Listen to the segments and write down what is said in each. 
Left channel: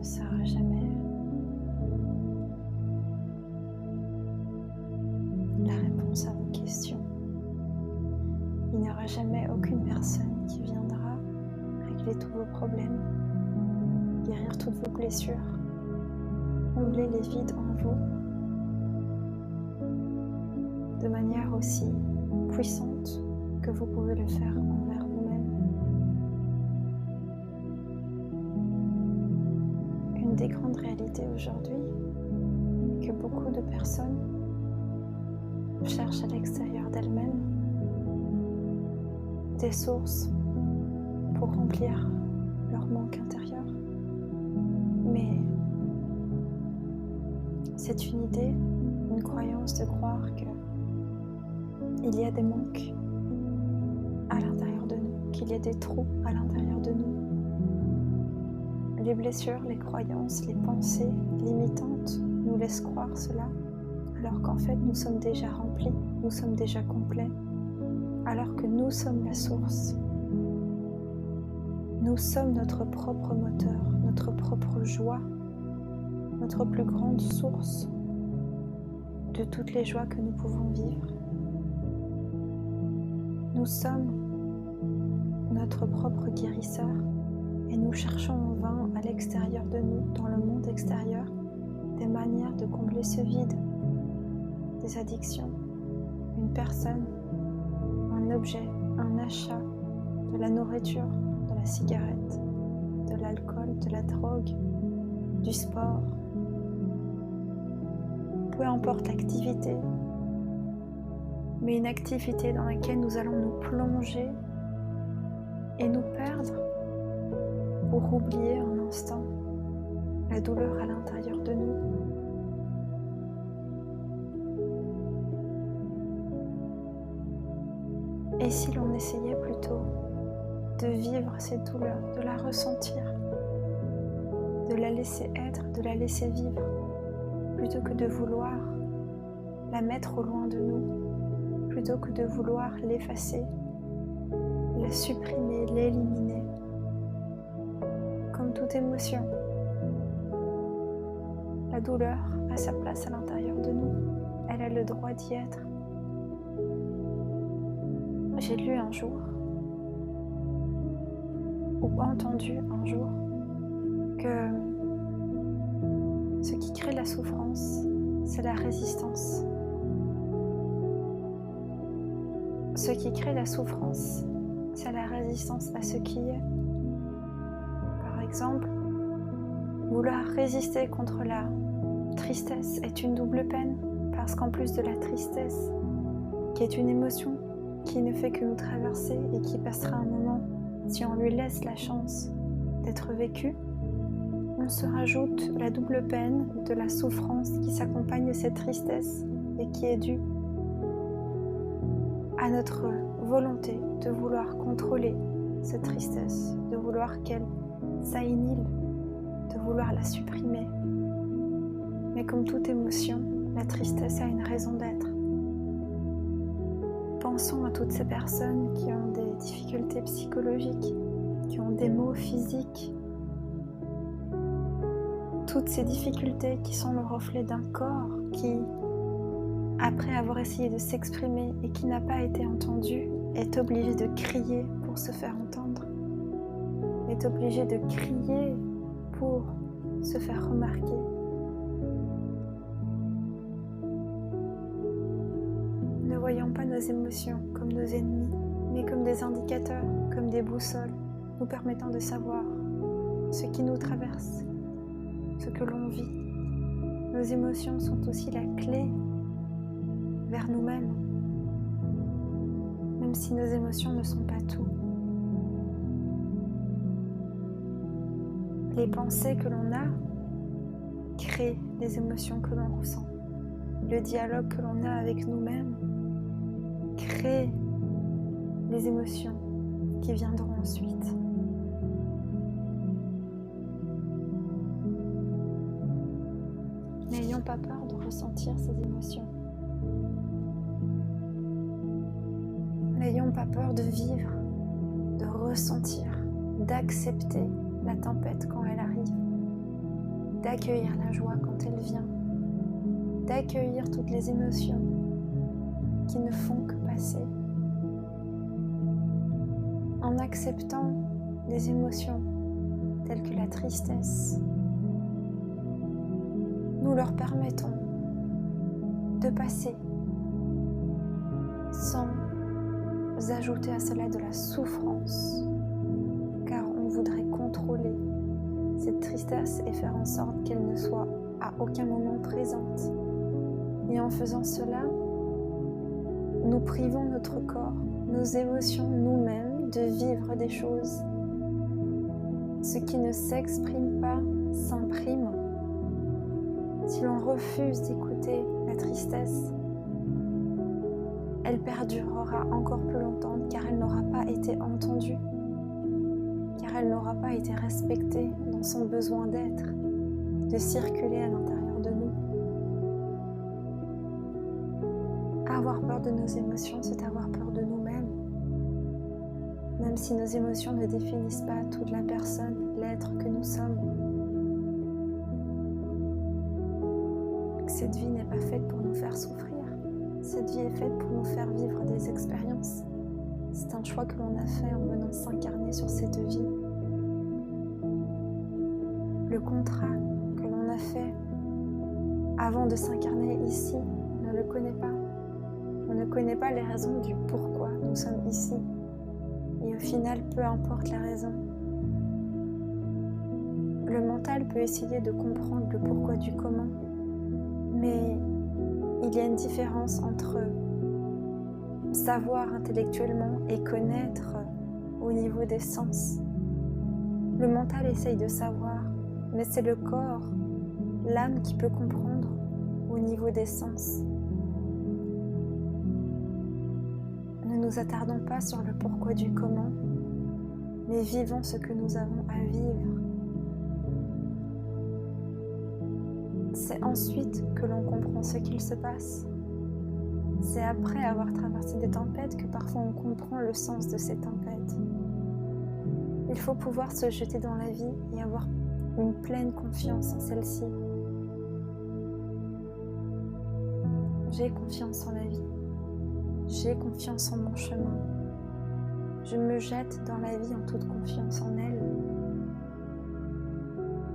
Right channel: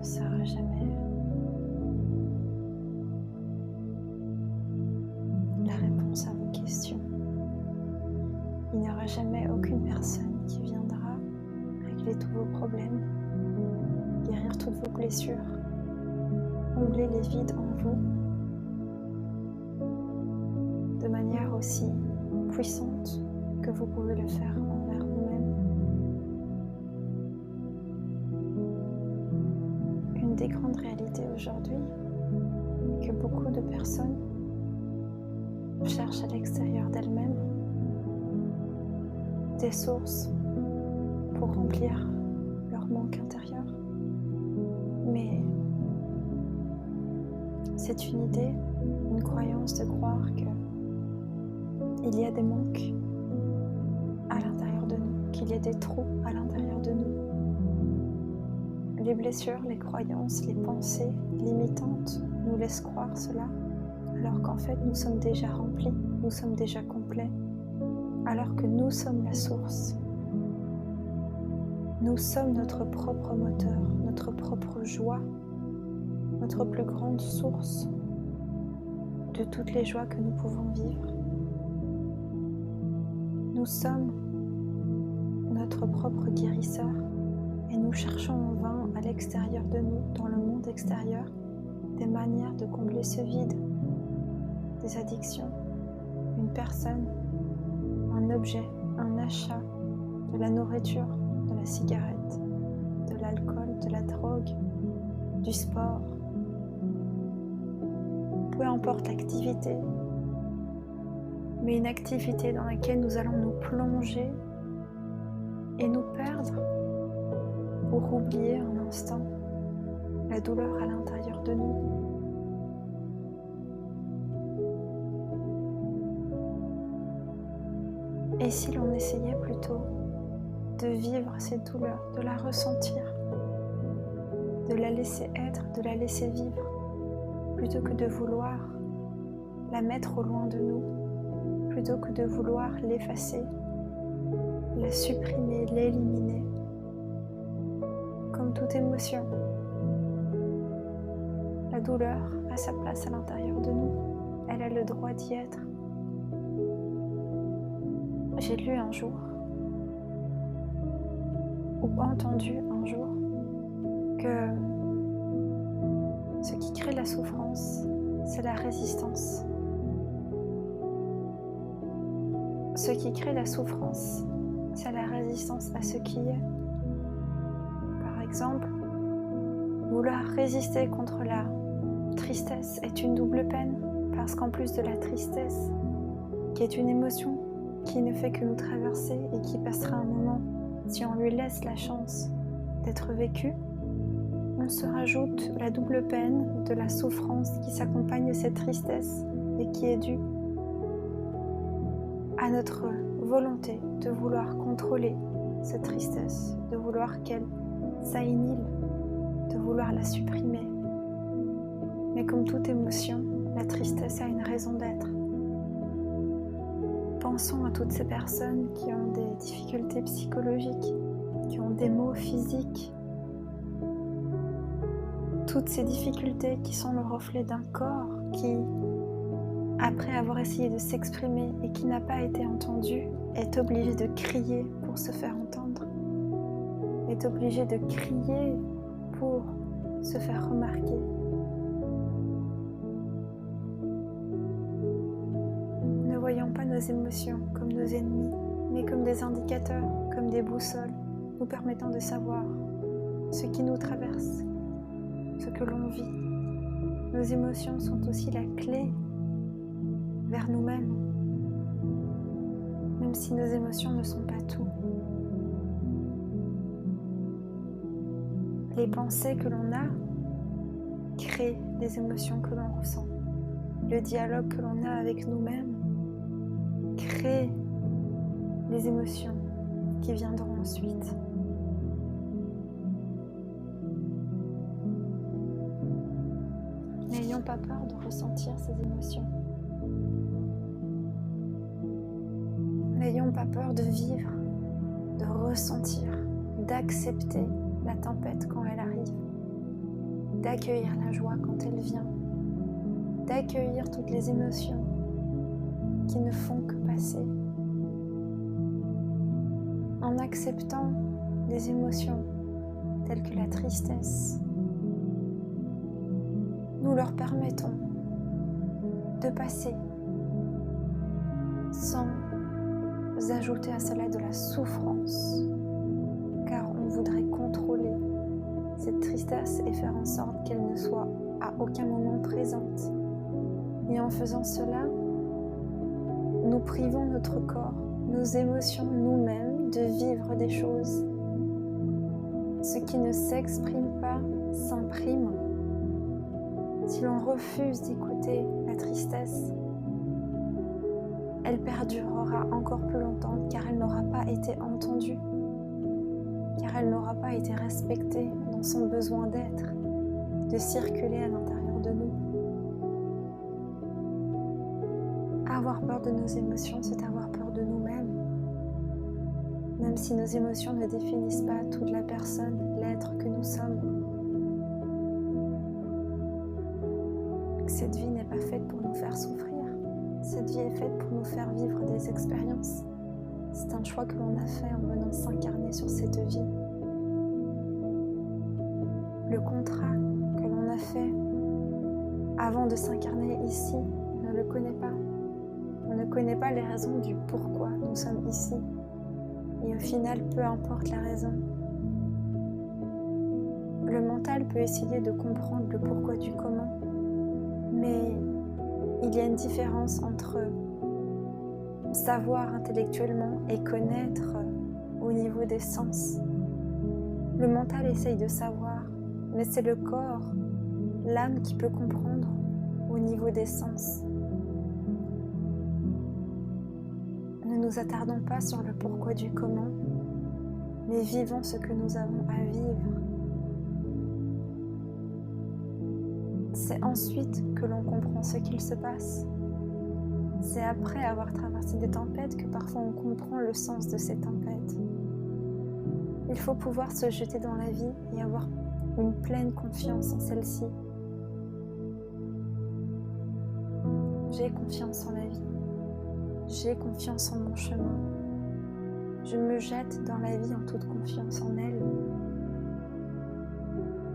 ne saura jamais la réponse à vos questions. Il n'y aura jamais aucune personne qui viendra régler tous vos problèmes, guérir toutes vos blessures, combler les vides en vous de manière aussi puissante que vous pouvez le faire envers vous-même. Une des grandes réalités aujourd'hui est que beaucoup de personnes cherchent à l'extérieur d'elles-mêmes des sources pour remplir leur manque intérieur. Mais c'est une idée, une croyance de croire qu'il y a des manques à l'intérieur de nous, qu'il y a des trous à l'intérieur de nous. Les blessures, les croyances, les pensées limitantes nous laissent croire cela, alors qu'en fait nous sommes déjà remplis, nous sommes déjà complets, alors que nous sommes la source. Nous sommes notre propre moteur, notre propre joie, notre plus grande source de toutes les joies que nous pouvons vivre. Nous sommes notre propre guérisseur et nous cherchons en vain à l'extérieur de nous, dans le monde extérieur, des manières de combler ce vide, des addictions, une personne, un objet, un achat, de la nourriture, de la cigarette, de l'alcool, de la drogue, du sport. Peu importe l'activité, mais une activité dans laquelle nous allons nous plonger et nous perdre pour oublier un instant la douleur à l'intérieur de nous. Et si l'on essayait plutôt de vivre cette douleur, de la ressentir, de la laisser être, de la laisser vivre, plutôt que de vouloir la mettre au loin de nous, plutôt que de vouloir l'effacer, la supprimer, l'éliminer. Comme toute émotion, la douleur a sa place à l'intérieur de nous, elle a le droit d'y être. J'ai lu un jour, ou entendu un jour, que ce qui crée la souffrance, c'est la résistance. Ce qui crée la souffrance, c'est la résistance à ce qui est. Par exemple, vouloir résister contre la tristesse est une double peine, parce qu'en plus de la tristesse, qui est une émotion qui ne fait que nous traverser et qui passera un moment, si on lui laisse la chance d'être vécue, on se rajoute la double peine de la souffrance qui s'accompagne de cette tristesse et qui est due à notre volonté de vouloir contrôler cette tristesse, de vouloir qu'elle s'annihile, de vouloir la supprimer. Mais comme toute émotion, la tristesse a une raison d'être. Pensons à toutes ces personnes qui ont des difficultés psychologiques, qui ont des maux physiques. Toutes ces difficultés qui sont le reflet d'un corps qui, après avoir essayé de s'exprimer et qui n'a pas été entendu, est obligé de crier pour se faire entendre, est obligé de crier pour se faire remarquer. Ne voyons pas nos émotions comme nos ennemis, mais comme des indicateurs, comme des boussoles, nous permettant de savoir ce qui nous traverse, ce que l'on vit. Nos émotions sont aussi la clé vers nous-mêmes, même si nos émotions ne sont pas tout. Les pensées que l'on a créent les émotions que l'on ressent. Le dialogue que l'on a avec nous-mêmes crée les émotions qui viendront ensuite. N'ayons pas peur de ressentir ces émotions. N'ayons pas peur de vivre, de ressentir, d'accepter la tempête quand elle arrive. d'accueillir la joie quand elle vient, d'accueillir toutes les émotions qui ne font que passer. En acceptant des émotions telles que la tristesse, nous leur permettons de passer sans ajouter à cela de la souffrance, car on voudrait contrôler cette tristesse et faire en sorte qu'elle ne soit à aucun moment présente. Et en faisant cela, nous privons notre corps, nos émotions, nous-mêmes, de vivre des choses. Ce qui ne s'exprime pas s'imprime. Si l'on refuse d'écouter la tristesse, elle perdurera encore plus longtemps car elle n'aura pas été entendue, car elle n'aura pas été respectée dans son besoin d'être, de circuler à l'intérieur de nous. Avoir peur de nos émotions, c'est avoir peur de nous-mêmes. Même si nos émotions ne définissent pas toute la personne, l'être que nous sommes. Cette vie n'est pas faite pour nous faire souffrir. Cette vie est faite pour nous faire vivre des expériences. C'est un choix que l'on a fait en venant s'incarner sur cette vie. Le contrat que l'on a fait avant de s'incarner ici, on ne le connaît pas. On ne connaît pas les raisons du pourquoi nous sommes ici. Et au final, peu importe la raison, le mental peut essayer de comprendre le pourquoi du comment, mais il y a une différence entre savoir intellectuellement et connaître au niveau des sens. Le mental essaye de savoir, mais c'est le corps, l'âme qui peut comprendre au niveau des sens. Ne nous attardons pas sur le pourquoi du comment, mais vivons ce que nous avons à vivre. C'est ensuite que l'on comprend ce qu'il se passe. C'est après avoir traversé des tempêtes que parfois on comprend le sens de ces tempêtes. Il faut pouvoir se jeter dans la vie et avoir une pleine confiance en celle-ci. J'ai confiance en la vie. J'ai confiance en mon chemin. Je me jette dans la vie en toute confiance en elle,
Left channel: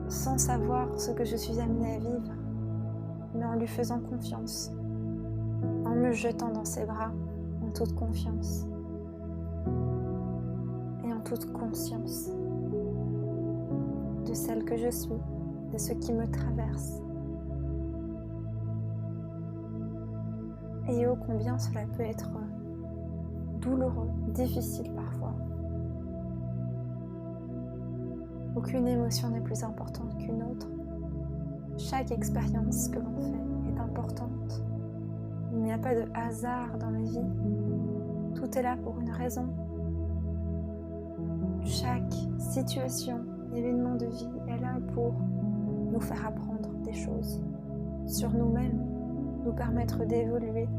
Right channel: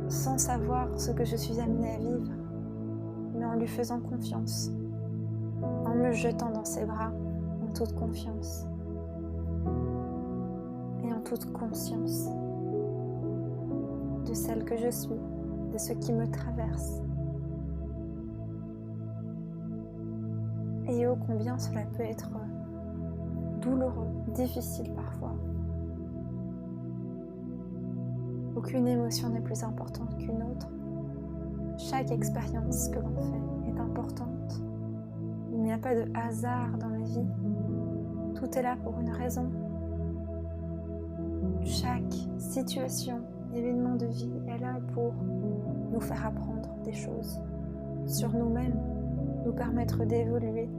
sans savoir ce que je suis amenée à vivre, mais en lui faisant confiance, en me jetant dans ses bras en toute confiance et en toute conscience de celle que je suis, de ce qui me traverse. Et ô combien cela peut être douloureux, difficile parfois. Aucune émotion n'est plus importante qu'une autre. Chaque expérience que l'on fait est importante. Il n'y a pas de hasard dans la vie. Tout est là pour une raison. Chaque situation, événement de vie est là pour nous faire apprendre des choses sur nous-mêmes, nous permettre d'évoluer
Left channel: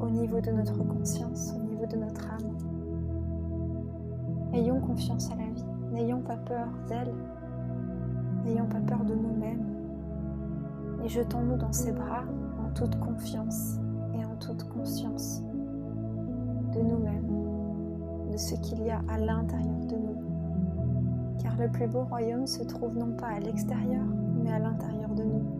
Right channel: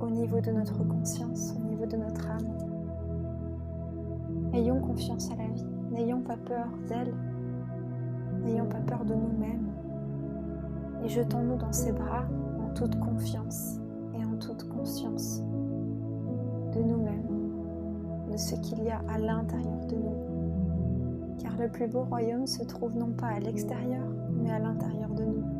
au niveau de notre conscience, au niveau de notre âme. Ayons confiance à la vie, n'ayons pas peur d'elle, n'ayons pas peur de nous-mêmes et jetons-nous dans ses bras en toute confiance et en toute conscience de nous-mêmes, de ce qu'il y a à l'intérieur de nous. Car le plus beau royaume se trouve non pas à l'extérieur, mais à l'intérieur de nous.